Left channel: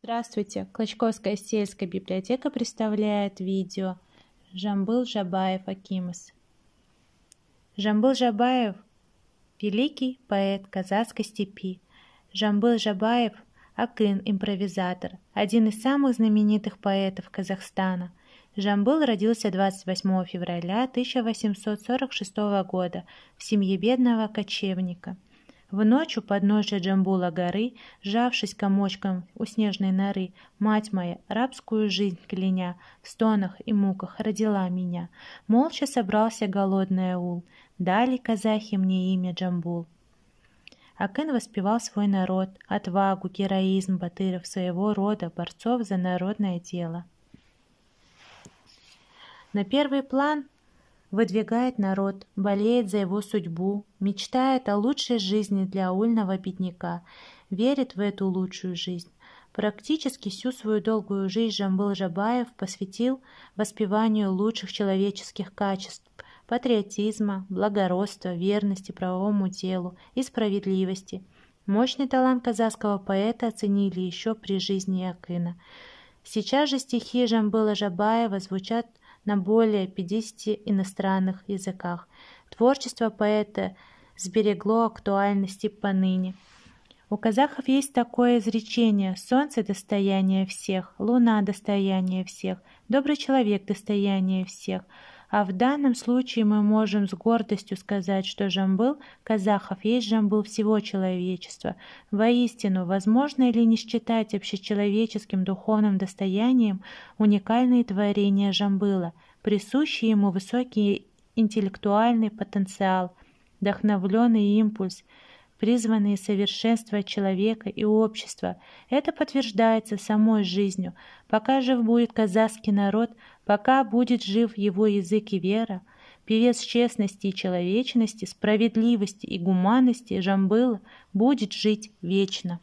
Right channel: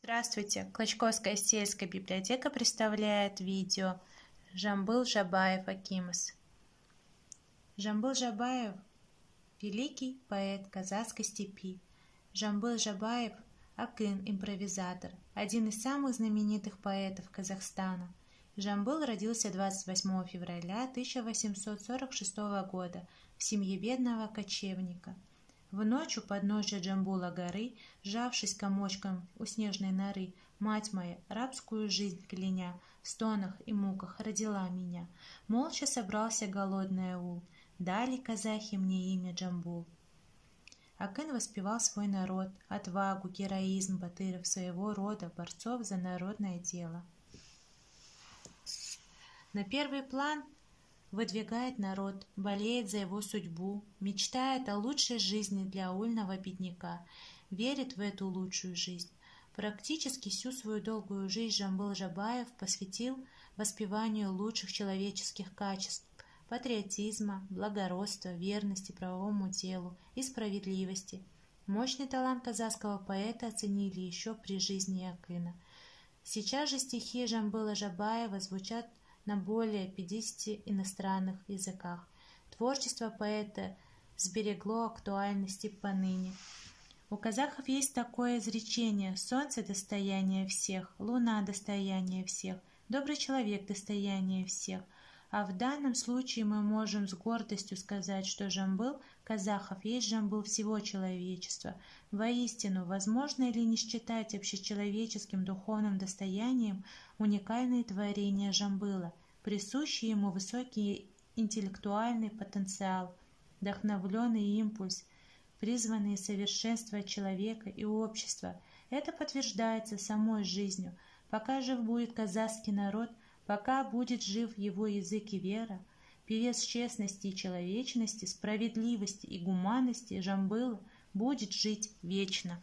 Здравствуйте! Клочковская сельская библиотека представляет видео Жамбыл Жабаев Акимас. Жамбыл Жабаев – великий поэт казахской степи. Жамбыл Жабаев – акын, импровизатор, один из самых знаменитых поэтов Казахстана. Жамбыл родился 28 февраля 1846 года в семье бедного кочевника. В ночь у подножия Джамбула горы, сжавшись комочком у снежной норы, мать моя, рабскую жизнь кляня, в стонах и муках родила меня. Молча собрался голодный аул, дали казахи мне имя Джамбул. Акын воспевал свой народ, отвагу, героизм батыров своего рода, борцов за народное дело. На первый план выдвигает народ, болеет за его судьбу, мечтает о лучшей жизни для аульного бедняка, верит в эту лучшую жизнь. Практически всю свою долгую жизнь Жамбыл Жабаев посвятил воспеванию лучших человеческих качеств, патриотизма, благородства, верности правовому делу и справедливости. Мощный талант казахского поэта оценили еще при жизни Акына. Сейчас же стихи Жамбыла Жабаева звучат на более 50 иностранных языках. Творчество поэта сберегло актуальность и поныне. У казахов есть такое изречение: солнце – достояние всех, луна – достояние всех, добрый человек – достояние всех. А в данном случае мы можем с гордостью сказать, что Жамбыл казахов есть Жамбыл всего человечества. Воистину, возможно ли не считать общечеловеческим духовным достоянием уникальные творения Жамбыла, присущий ему высокий интеллектуальный потенциал, вдохновленный импульс, призванные совершенствовать человека и общество. Это подтверждается самой жизнью. Пока жив будет казахский народ, пока будет жив его язык и вера, певец честности и человечности, справедливости и гуманности Жамбыла будет жить вечно.